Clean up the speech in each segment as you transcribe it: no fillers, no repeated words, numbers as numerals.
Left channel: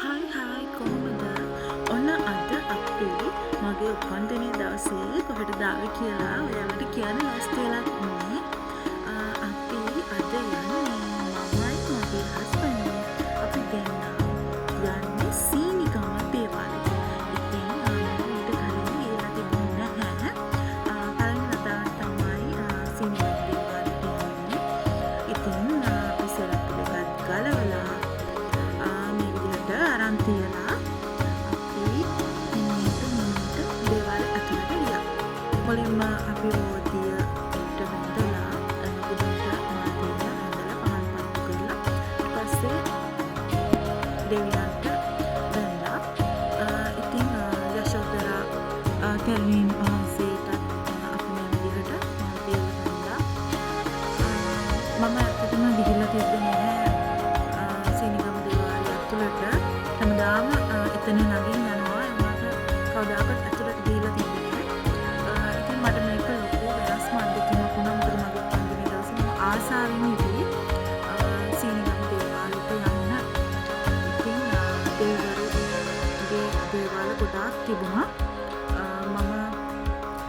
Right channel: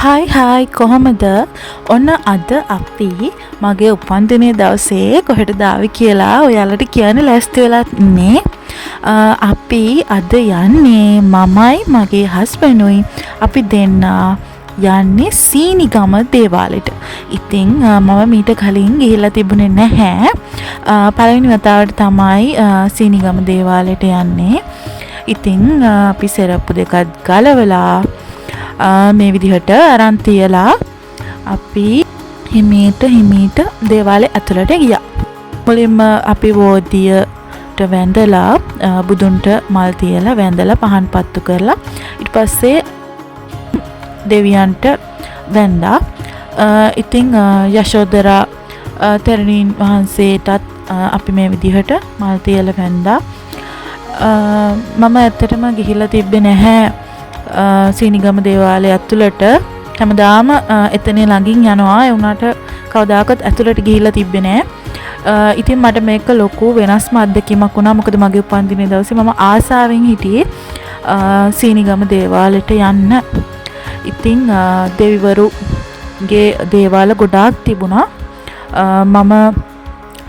Hi කොහොමද? ඔන්න අද අපි මගේ උපන්දිනේ දවසේ කොහෙටද ආවේ කියලා ඔයාලට කියන්න ලෑස්ති වෙලා ඉන්නේ. අපි අද යන්නේ මමයි මගේ හස්බන්ඩ්ුයි අපි දෙන්න යන්නේ සීනිගම දේවාලෙට. ඉතින් මම මීට කලින් ගිහිල්ලා තිබුණේ නැහැ. පළවෙනි වතාවට තමයි සීනිගම දේවාලෙට යන්නේ. ඉතින් අපි සෙරප්පු දෙකක් ගලවලා මේ විදිහට අරන් තියලා අපි හිමීට දේවාලේ ඇතුළට ගියා. මුලින්ම අපි බෝධියට වැඳලා බුදුන්ට මල් තියලා වැඳලා පහන් පත්තු කරලා ඊට පස්සේ දෙවියන්ට වැඳා. ඉතින් යශෝදරා තෙරණීන් වහන්සේටත් අපි මේ විදිහට මල් තියලා වැඳා. මම ඇත්තටම ගිහිල්ලා තිබ්බේ නැහැ සීනිගම දේවාලය ඇතුළට. හැමදාම එතන ළඟින් යනවා. ඒ වුණාට කවදාකවත් ඇතුළට ගිහිල්ලා තිබ්බේ නැහැ. ඉතින් මට මේක ලොකු වෙනස්ම අත්දැකීමක් වුණා. මොකද මගේ උපන්දිනේ දවසේ මම ආසාවෙන් හිටියේ සීනිගම දේවාලෙට යන්න. ඉතින් දෙවිවරුගේ දේවාල ගොඩාක් තිබුණා. මම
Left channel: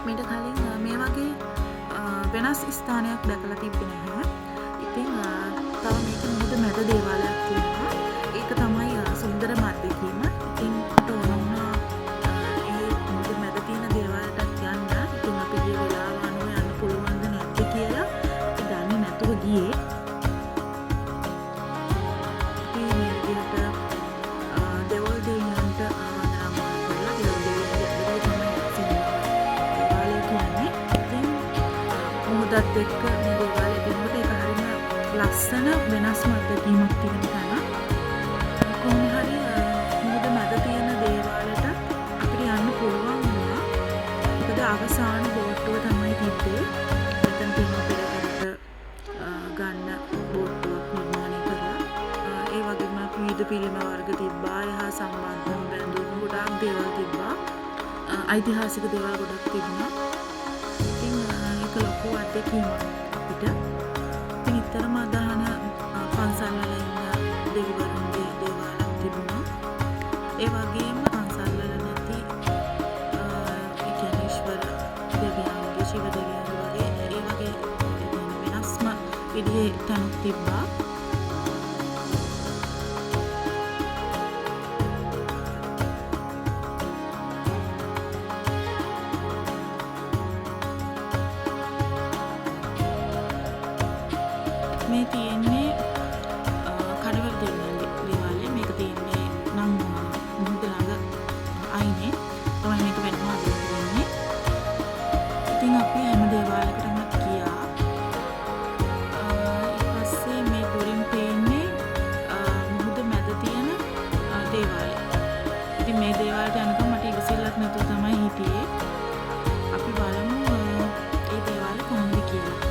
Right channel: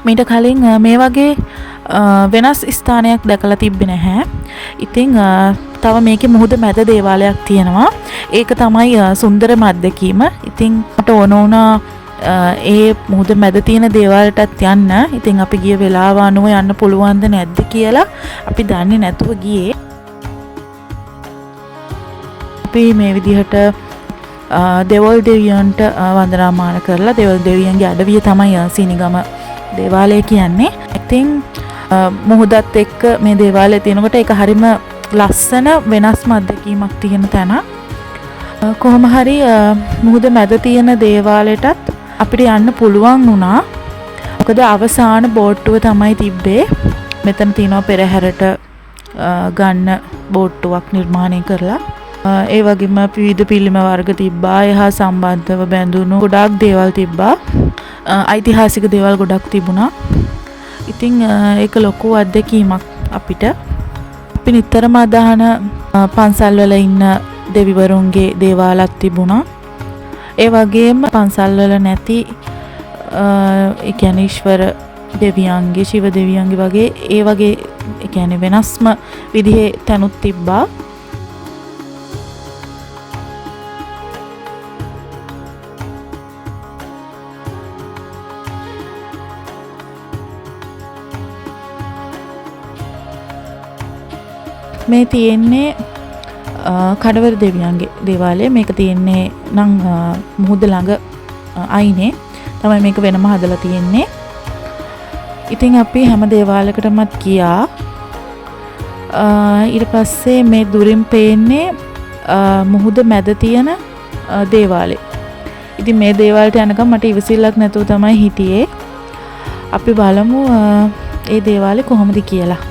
මීට කලින් මේ වගේ වෙනස් ස්ථානයක් දැකලා තිබ්බේ නැහැ. ඉතින් තව මේකේ මුහුද මැද දේවාලයක් තියෙනවා. ඒක තමයි සුන්දරම අත්දැකීම. ඉතින් මට ඕන වුණා ඒ මුහුද මැද තියෙන දේවාලයටත් යන්න. ඉතින් අපි ගිය වෙලාව අනුව යන්න පුළුවන්ද නැද්ද කියලා අපි දන්නේ නැතුව ගියේ. අපි මේ විදිහට දෙවොල් දෙවියන්ට වන්දනාමාන කරලා දෙවොල් දෙවියන්ගේ අඩවිය තමයි සීනිගම දේවාලය කියන්නේ. ඉතින් මුහුදත් එක්ක මේ දේවාලය තියෙනකොට ඒක හරිම ලස්සන වෙනස්ම අත්දැකීමක් තියෙන තැන. කොහොම හරි මුහුද මැද තියෙන දේවාලයටත් අපිට යන්න පුළුවන් වුණා. මොකද අවසාන බෝට්ටුව තමයි තිබ්බේ. මෙතන තියෙනවා පෙරහැරට ගන්න බෝට්ටුවක් නිර්මාණය කරලා. ඒ වගේම විවිධ පිළිම වර්ග තිබ්බා. එහා සම්බන්ධව බැඳුණු ගොඩාක් දේවල් තිබ්බා. ඓතිහාසික දේවල් ගොඩක් තිබුණා. ඉතින් ඒක ලොකු අත්දැකීමක් අපිට. අපි නිතරම අදහන පන්සල් වල ඉන්න දෙවිවරුන්ගේ දේවාලක් තිබුණා. ඒ වගේම පන්සල් වල නැති ඒ කියන්නේ ඊශ්වර දෙවියන්ගේ ශිව දෙවියන්ගේ වගේ ඒ වගේ ඒ කියන්නේ වෙනස්ම විදිහේ තැනුත් තිබ්බා. මේ තියෙන්නේ කඩවර දෙවියන්ගේ දේවාලය. මේක තියෙන්නේ නම් මුහුද ළඟ අයිනේ තමයි මේක වෙනම හදලා තියෙන්නේ. ඉතින් අපි හැම දේවාලයකටමත් ගියා. ඊට පස්සේ මේ දුරින් පේන්නේ මුහුද මැද තියෙන දේවාලය. ඉතින් මේ දේවාලයට යනකම් මට ඉවසිල්ලක් නැතුව තමයි හිටියේ. අපි බලමු ඒ දේවාලේ කොහොමද කියලා.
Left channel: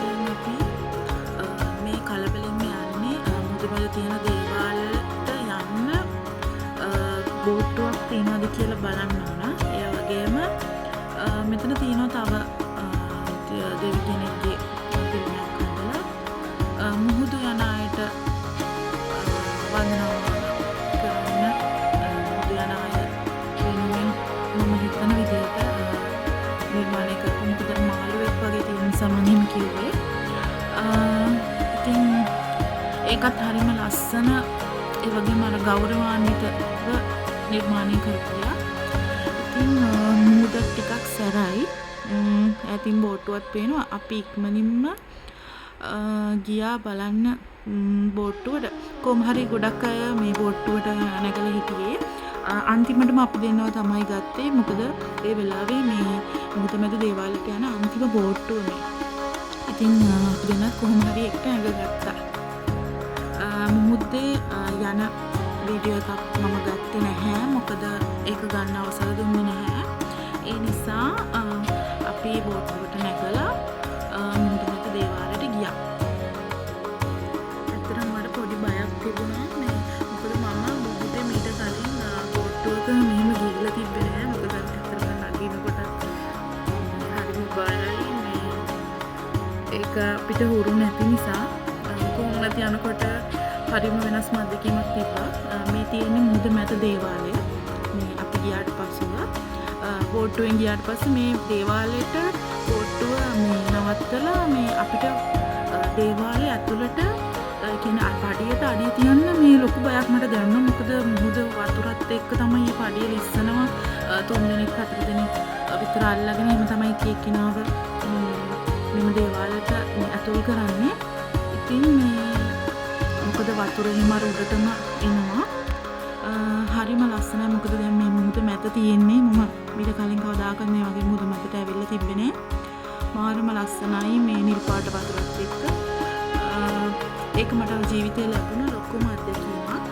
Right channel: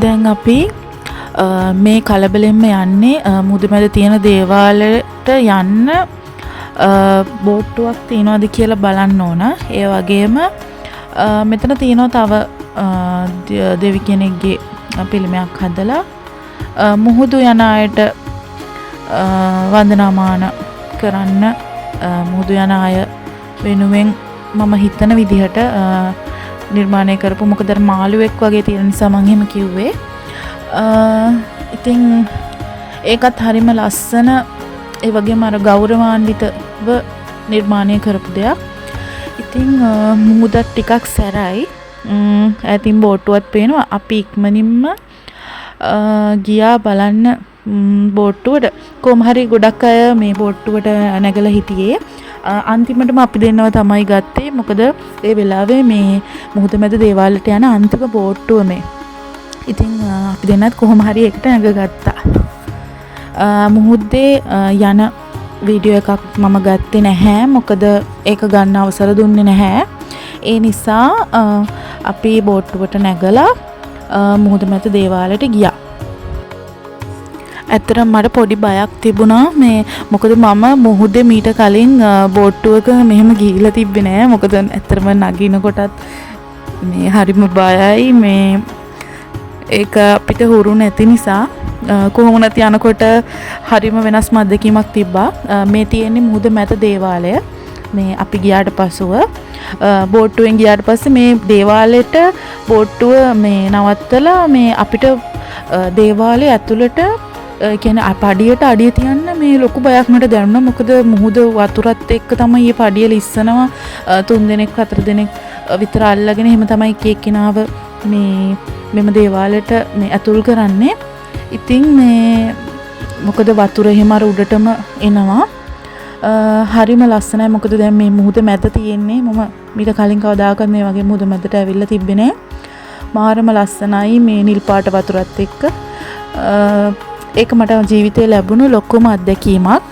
දැන් අපි මේ කලබලෙන්ම යන්නේ මුහුද මැද තියෙන දේවාලයට යන්න බෝට්ටුවක් තියනවාද කියලා බලන්න ඕන. ඒ වගේම මෙතන තියෙනවා තව දෙවි කෙනෙක්ගේ පිළිමයක් හදලා මුහුදු යන අයට වන්දනාමාන කරන්න මුහුදු යන අය වෙනුවෙන් මම හිතන විදිහට නිර්මාණය කරපු. මොකද මාළුවෙක් වගේ තියෙන නිසා මම එහෙම කිව්වේ. ඉතින් ඒකත් හරිම ලස්සන. ඒ වගේම අර ගෞරවාන්විතව නිර්මාණය කරපු දෙයක්. ඉතින් මුහුදත් ටිකක් සැරයි. ඈතින් බෝට්ටුවක් පේනවා. අපි ඉක්මනින්ම ගියා බලන්න බෝට්ටුවට. කොහොම හරි ගොඩක් අය මේ බෝට්ටුවට නැගලා හිටියේ. අන්තිමටම අපි දෙන්නව තමයි ගත්තේ. මොකද ඒ වෙලාවේ මේ මුහුද මැද දේවාලයට යන අන්තිම බෝට්ටුව මේ. ඉතින් අපි දෙන්නත් කොහොම හරි එකට නැගගත්තා. මුහුදේ යන වීඩියෝ එකක් මම ගත්තේ නැහැ. මොකද ඒක ගන්න අවසර දුන්නේ නැහැ. ඒ නිසා අපි බෝට්ටුවට නැගලා මුහුද මැද දේවාලයට ගියා. ඇත්තටම මට පොඩි බයක් තිබුණා මේ මොකද මම මුහුදේ මීට කලින් බෝට්ටුවක මෙහෙම ගිහිල්ලා තිබ්බේ නෑ. මොකද ඇත්තටම නගිනකොටත් මේ හරිම බයයි මේ ඒක අපිට හුරු නැති නිසා කොහොම නැති යනකොට හරිම වෙනස් අත්දැකීමක් තිබ්බා. මේ තියෙන්නේ මුහුද මැද දේවාලය. මේ අපි ගියාට පසුව බෝට්ටුවෙන් ගියාට පස්සේ මේ දේවාලෙට බෝට්ටුව මේ නවත්තලා මේ අපිට දේවාලය ඇතුළට කියන්නේ පඩියට අඩිය තියන්න මේ ලොකු බයක් මට දැනුණා. මොකද මුහුද වතුරත් එක්ක තමයි මේ පඩිය ලිස්සනවා. 3 දෙනෙක් 4 දෙනෙක් විතර අල්ලගෙන එහෙම තමයි එක එක්කිනාව මේ මෙම දේවාලයට මේ ඇතුල් කරන්නේ. ඉතින් මේ මොකද වතුර එහෙම අර උඩටම එනවා. හරිම ලස්සනයි. මොකද දැන් මේ මුහුද මැද තියෙන්නේ මම මීට කලින් කවදාකවත් මේ වගේ මුහුද මැදට ඇවිල්ලා තිබ්බේ නෑ. මාරම ලස්සනයි මේ නිල් පාට වතුරත් එක්ක. ඒක මට ජීවිතේ ලැබුණු ලොකුම අත්දැකීමක්.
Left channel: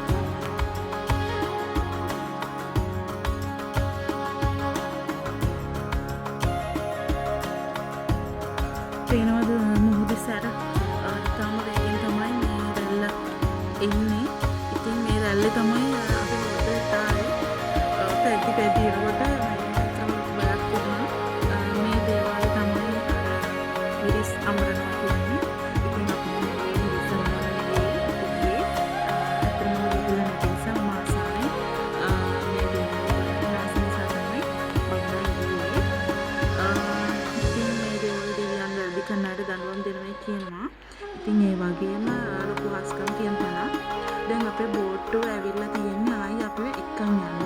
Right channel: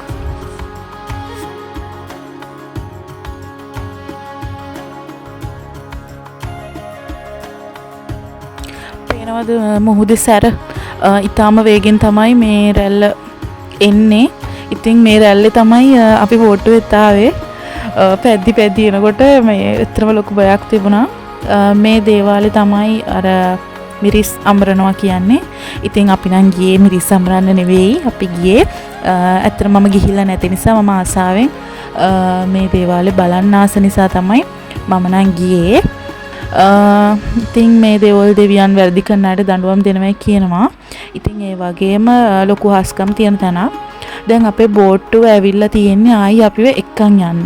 පේනවද මුහුදේ සැර ඊටාම වේගෙන් තමයි මේ රැල්ල එන්නේ. ඉතින් මේ රැල්ලේ තමයි අපි බෝට්ටුවෙත් ආවේ. පැද්දි එනකොට මේ ඇත්තම ලොකු බයක් තිබුණා. මේ දේවාලේ තමයි අර මිරිස් අඹරනවා කියන්නේ. ඉතින් අපි නම් ගියේ මිරිස් අඹරන්න නෙවෙයි. අපි ගියේ ඇත්තටම මම ගිහිල්ලා නැති නිසා මම ආසාවෙන් මේ දේවාලේ බලන්න ආස නිසා තමයි මම නම් ගියේ. ඉතින් මේ දේවල් දෙවියන් වැරදි කරන අයට දඬුවම් දෙනවා කියනවා. ඉතින් ඒ වගේම ලොකු හාස්කම් තියෙන තැනක්. දැන් අපේ බෝට්ටුව ඇවිල්ලා තියෙන්නේ ආයි අපිව එක්කන් යන්න.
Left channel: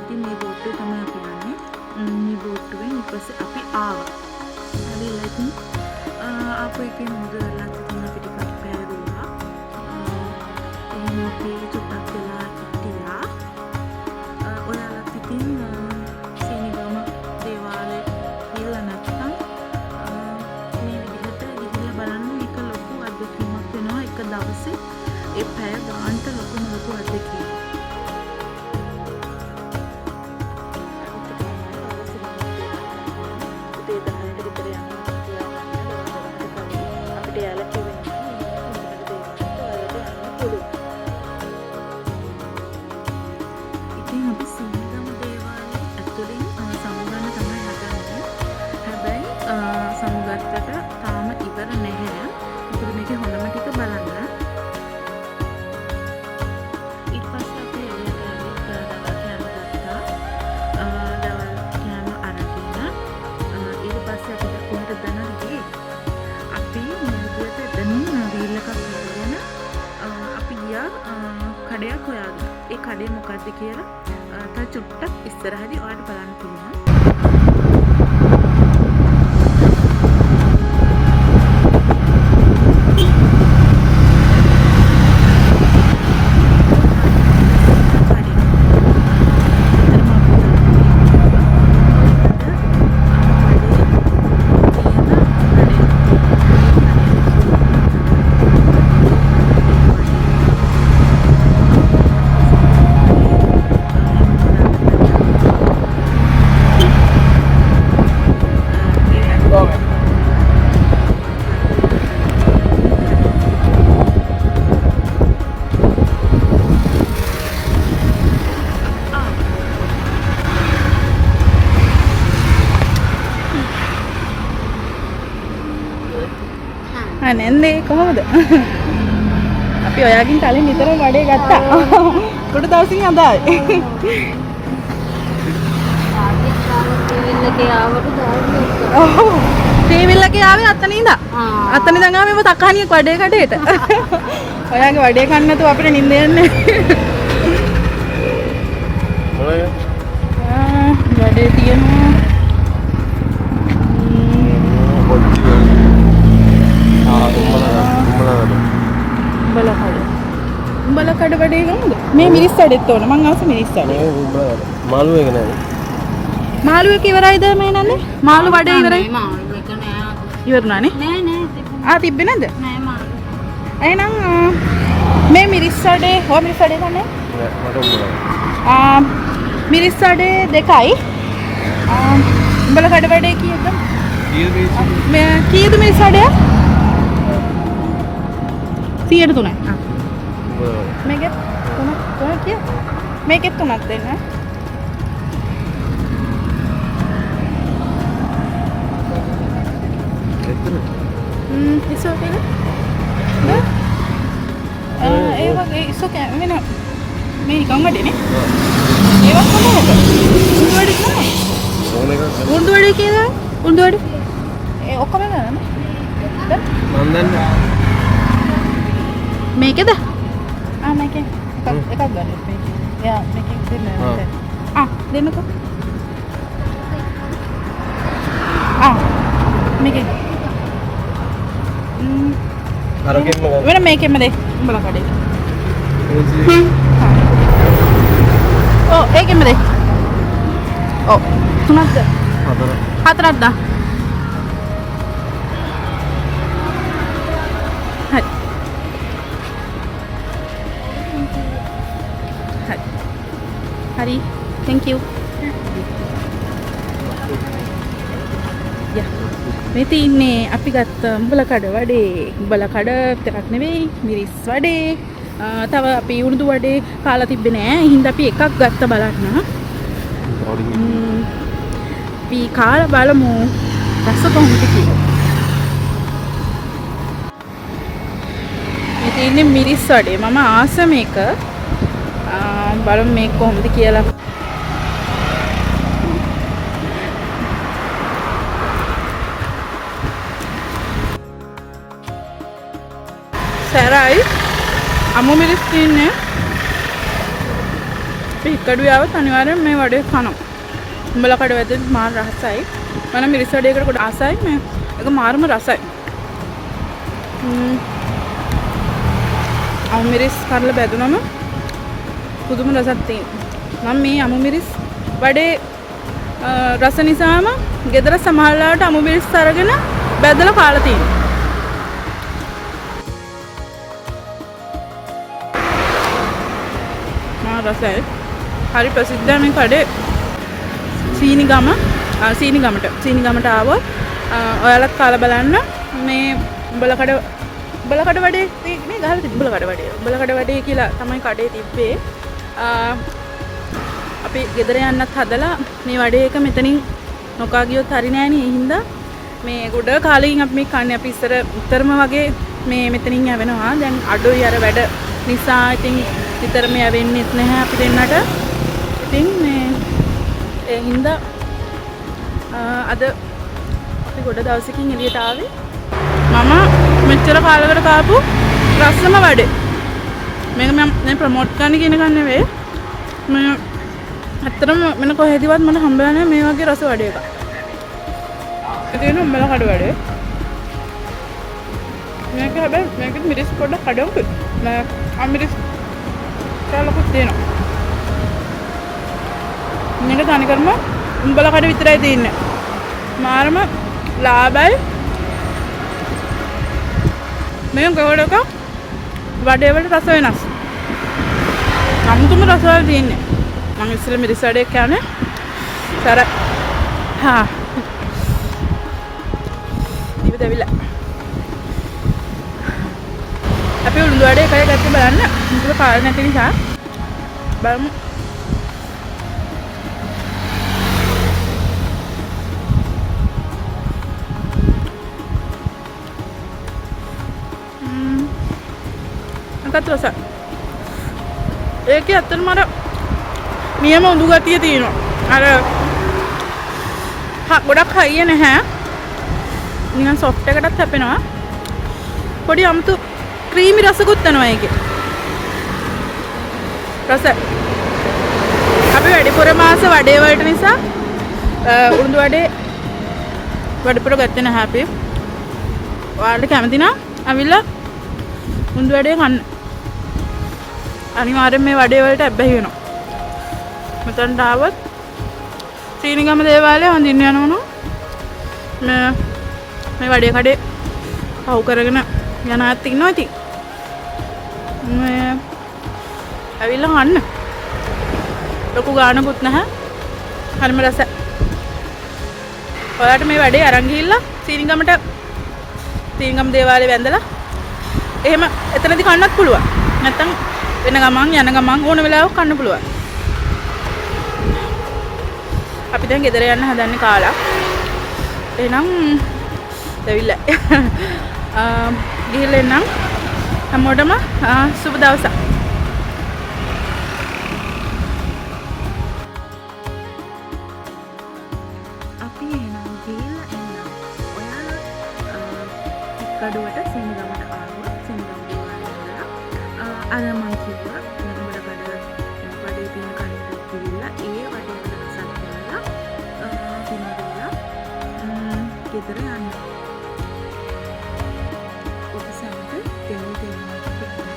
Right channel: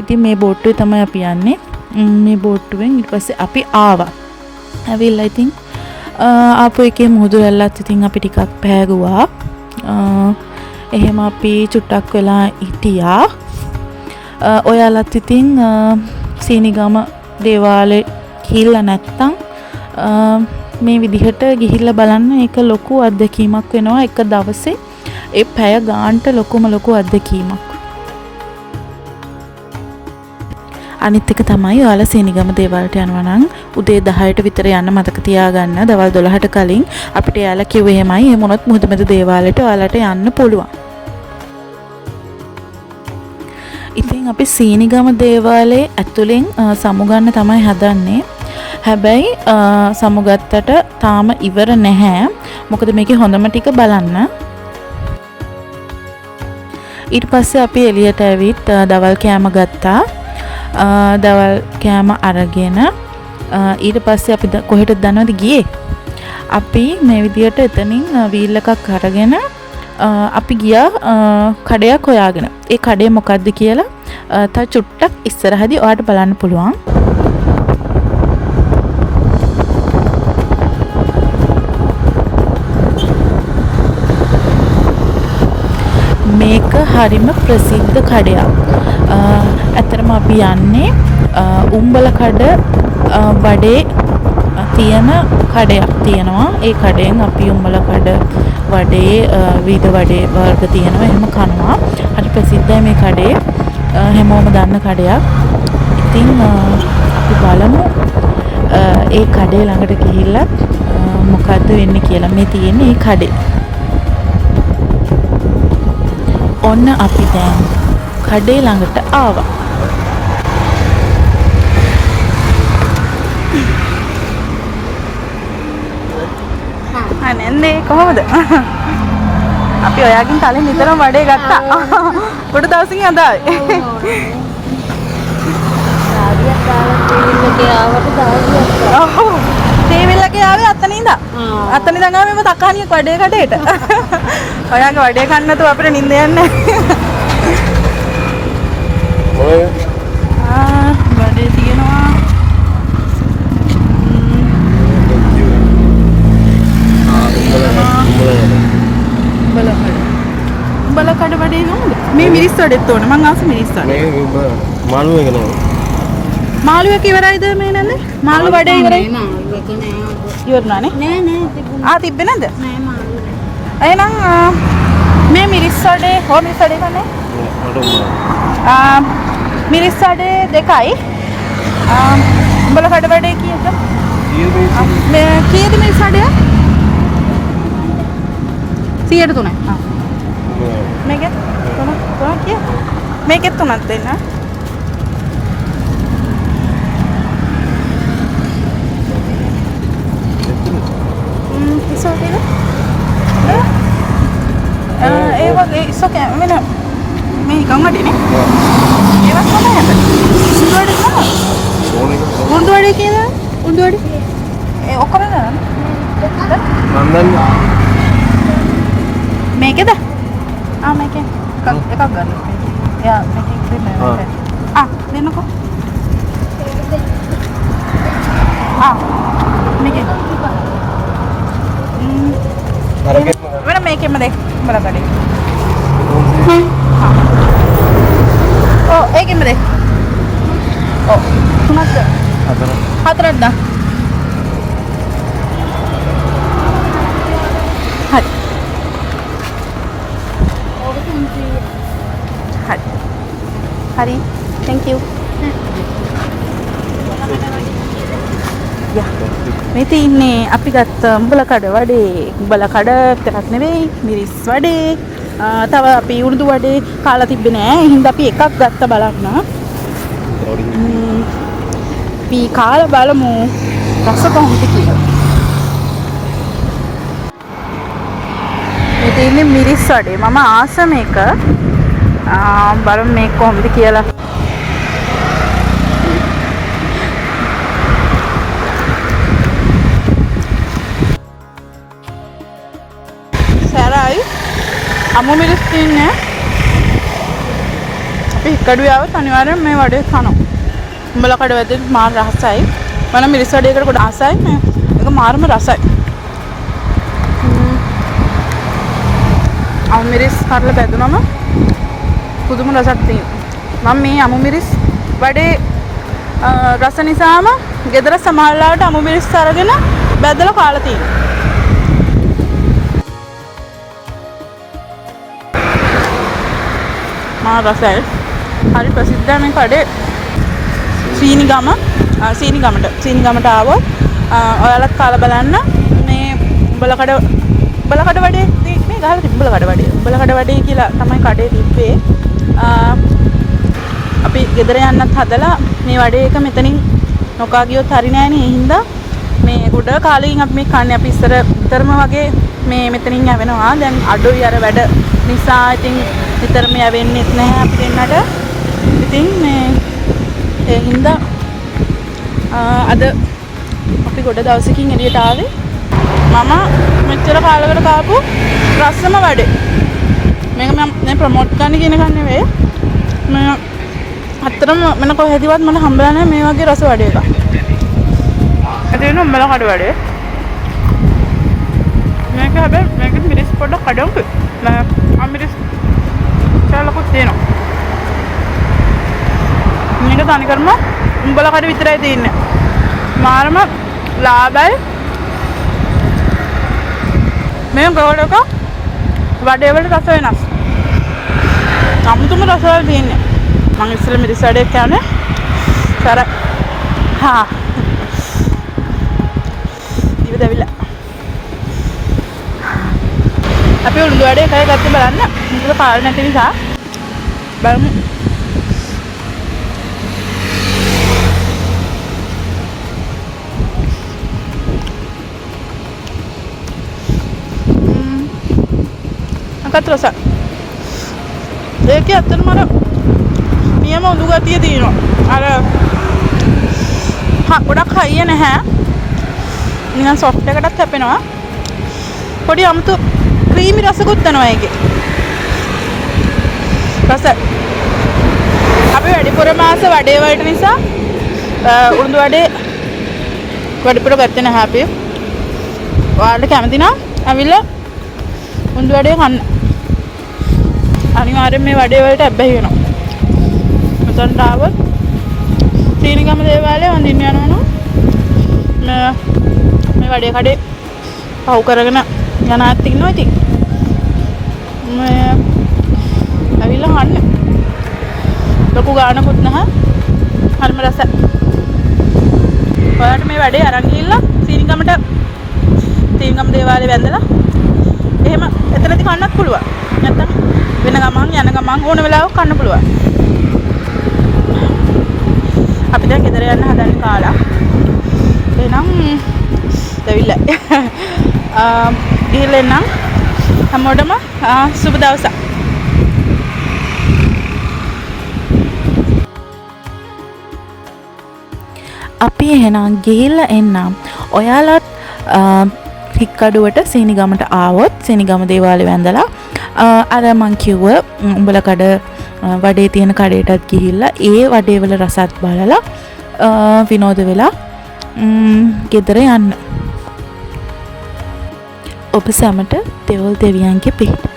ඉතින් මේ බෝට්ටුවේ තමයි අපි යන්නේ. මේ බෝට්ටුවෙන් ඊට පස්සේ අපි ආවා. ඇවිල්ලා ඉතින් ආපු එකේ මුහුදු රැල්ලත් ඉතින් අපි ටිකක් පෑගුවා. එහෙම අපි චුට්ටක් වෙලා හිටියා. ඔයාලත් ඉතින් සීනිගම දේවාලේ ගිහිල්ලා නැත්තම් මේ විදිහට ගිහිල්ලා බලන්න. ඒක ලොකු අත්දැකීමක් වෙනවා එක දවසේ. ඒ පැය ගානට ලොකුම ලොකු අත්දැකීමක්. අනිත් එක තමයි ඔයාලා සීනිගම දේවාලට යනවා නම් උදේ 10ට විතර යන්න මතක තියාගන්න. දවල් 12ට කලින් අපිට යාලා කිව්වේ එහෙමයි. එහෙම වුණොත් මුහුද මැද දේවාලයට ඔයාලට යන්න පුළුවන්. ඉතින් අපි සීනිගම දේවාලයේ ඇතුලෙන් සමුගන්න තමයි හදන්නේ. හැබැයි සමුගත්තට තාම ඉවර නැහැ. මොකද මේකේ හොඳම ටික බලන්න. ඊට පස්සේ අපි එළියට ඇවිත් දවල් කෑම ගත්තා. දවල් කෑම අරගෙන ඊට පස්සේ අපි කොහෙටද දන්නවද ගියේ? අපි මේ විදියට එතනින් වීල් එකක් අරගෙන අපි ගියා කඩයක් හොයාගෙන. ඒ කඩේ මොකද්ද කියලා තා චුට්ටක් ඉස්සරහදී ඔයාලට බලන්න පුළුවන්. මේක හරිම ප්‍රසිද්ධ කඩයක්. ඇත්තටම අපි යන්නේ උම්බල කඩ වඩේ තියෙන කඩයක් තියෙනවා. ඒ කඩෙන් අපි උම්බල කඩ වඩේ විවිධ වඩේ වර්ග තියෙනවා. එහෙම කනවා. හරි ප්‍රසිද්ධයි මේ කඩේ. හැමෝම දන්න කඩයක්. ඉතින් අපි බලමු ඒ කඩේ ළඟට ගිහිල්ලා මොකද්ද වෙන්නේ කියලා. මේ තියෙන්නේ මේ කඩේ. ඔන්න අපි දැන් කඩේ ළඟට ආවා. නැන්නේ කොහොමද? අපි ඔයාගෙන් කලින් නිතරම වඩේ ගත්තා. පොඩ දවසින් අද ආවේ. ටීවී එකේ ආවේ අතන ඉඳලා. අතන ඉඳන් ආවේ මම තක්කහනියක් වඩේ කඩේට. ඔයාගේ වඩේ කන්න නැතුව අපිට නිින්ද යන්නේ. ඔය වඩේ තියෙනවා. බලකඩ වඩේ ගමුද? මේ මිරිස් වඩේත් ඕන. මං ආස මිරිස් වඩේ. මේ මාළු එක නෑ. මාළු එක ඉවරයිද මේ නන්නේ? මාළු වඩේ ඉවරයි. මාළු එක නෑ. ඉවරනානේ? නෑ නෑ. තිබ්බේ නැද්ද? නෑ මාළු. එහෙනම් මේ මිරිස් වඩේ හොර මිරිස් වඩේ ගන්න. මිරිස් වඩේ දෙකයි. බලකඩ වඩේ කීයද? මේ කීයද මිරිස් වඩේ? 103යි. මේකේ තුනක් කිය. මේකෙත් තුනක් දෙන්න. ඉස්සරහට ඒ වගේ ඉස්සක වෙන මේ නිකන් වදිනේ. ඒවත් කොහොමද? උණ්ඩුවඩි කොහොමද? උණ්ඩුවඩි කියන්නේ උණ්ඩුවඩි. ඒ ඔක්කොම ගන්න. නන්දන් මේකද? මේකේ එකක් ගන්න. යා මේක දුන්නේ. දෙන්නකෝ. මේකේ වෙන මේකෙම දෙ උඹලා කඩේ. ඒකෙම දෙ. තුනක්ද? හතරක්ද? හරි. හරි. Thank you. මේ තින්නේ අපි ගත්ත උඹලා කඩ වඩේ. උඹලා කඩ විතරක් නෙවෙයි මිරිස් වඩේ. තව අපි උණුදු වඩේ කාලා තිබ්බේ නෑ. හින්දා අපි එකක් ගත්ත බලන්න. අපි කාලා බලමු රස කොහොමද කියලා. මේ තින්නේ මිරිස් වඩේ. මම ආස මේක. බලමු මේක කොහොමද කියලා. සැරයි අමු මිරිස් තින්නේ අපි හික්කඩුවේ ආවත් අනිවාර්යෙන් මේ වඩේ කනවා. උඹලා කඩ වැදෙත් මාර රසයි. මම මිරිස් වඩේකට කොට ආසයි. මේක මාරම රසයි. අමු මිරිස් කරලා බැදුනම පුදුම රසක් තියෙනවා. මම මේ අමු මිරිස් වඩේ රස නිසාම ගෙදර සමහරලාට අමු මිරිස් අරගෙන බැදලා කාලා තියෙනවා. රසයි. හරි ප්‍රසිද්ධයි මේ කඩේ. සීනිගමට ආවොත් ඔයාලත් කාලා බලන්න. මේ උඹලකඩ වඩේ මේ ගහලා තිබ්බ උඹලකඩ වඩේ කියලා තමයි කඩේ තිබ්බේ. අපි ගෙදර යන්නත් හදලා මේ වඩේ එක මෙතනින් නොකා ගියොත් හරි නෑනේ. ඒ හින්දා මේ ගොඩ කාලෙකින් අපි මේ කන්නේ. අපි ඉස්සර උතරම වගේ මේ මෙතනින් යවෙනවා. දැන් අඩුයි අර වැඩ නිසා ඉතින් විතරම යවෙන්නෙත් නැහැ අපි දෙන්නට. ඉතින් මේ ඒ හින්දා අද අපි ගොඩ දවසකින් එළියට ආවේ. මම මෙච්චර කාලයකට කාපු රස්සම වඩේ. මේක මම ප්‍රොමෝට් කරන්න කියන එක නෙවෙයි. මම අත්‍තරම මම කොහෙදවත් මම හම්බලා නැහැ මේ වගේ රස වඩේ එකක්. ඒක උඹලා කඩ වඩේ. මේක හැබැයි මේක මිරිස් පොඩ්ඩක් කඩවුයි. මිරිස් ලකුත් තියෙනවා. මේක තනිකරම උඹලා කඩ විතරයි තියෙන්නේ. මාරම ලාභයි. මේ ගොඩක වඩේ වල රස වෙනස්. අමුතුම රස වල තියෙන්නේ. මම ඉස්සෙල්ලා මිරිස් වඩේ කියන්නේ සර ඉවදවිලා. අපි උණුදු වඩේ එකයි ගත්තේ බලන්න. මුකුත් කාල නැති නිසා බලමු. අකත් රස. ඒක ඇත්තටම අර නියම උණු ගතිය තියෙනවා. අර ගොඩක් හයිය නැහැ. නිකන් සොෆ්ට් එකටත් හැපෙනවා. පොඩි අමුතු ක්‍රීමි රසකුත් යනවා ඒකේ. රස අපි වැඩිපුර මාස වඩේ වලට නිසා උණුදු වඩේ වැඩිපුර ගත්තේ නැහැ අපි. ඔයාලට කැමති නම් අවිල්ලා උණුදු වඩේ කන්න. අනිවාර්යෙන් මේ වඩේ වලට ඇබ්බැහි වෙනවා. මෙතනට ආවොත් සීනිගම දේවාලය හොඳින් යනවනු මේ වඩේ කඩේ පහු කරගෙන යන ඇත්ත ඉන්නවා. ඉතින් මේ ඇවිල්ලා කන්න. ලොකු ගානකුත් නැහැ. හරිම රසයි. ඔයාලට මේ වැඩේ අරන් ගිහිල්ලා සීනිගම දේවාලේ වැඳලා එහෙම එතනදී කන්නත් පුළුවන්. නැත්තම් වෙන ගමන් යන ගමන් ඕන වෙලාවක කන්න පුළුවන්. අපි දැන් ගෙදර යන්න හදන්නේ කාලා. එහෙනම් දෙවිල්ල. ගිහලා එන්නම්. හැමෝටම සුබ දවසක්. අපි එහෙනම් ගිහිල්ලා එන්නම්. ඔයාලත් හික්කඩුවට සීනිගමට ආවොත් සීනිගම දේවාලේ වැඳලා අර මං කිව්ව උඹල කඩ වඩේ තියෙන කඩේටත් ගිහිල්ලා ඒ වඩේ වල රසත් බලලා විනෝද වෙලා ගෙදර යන්න. ඔබ සැමට දෙවොල් දෙවියන්ගේ පිහිට.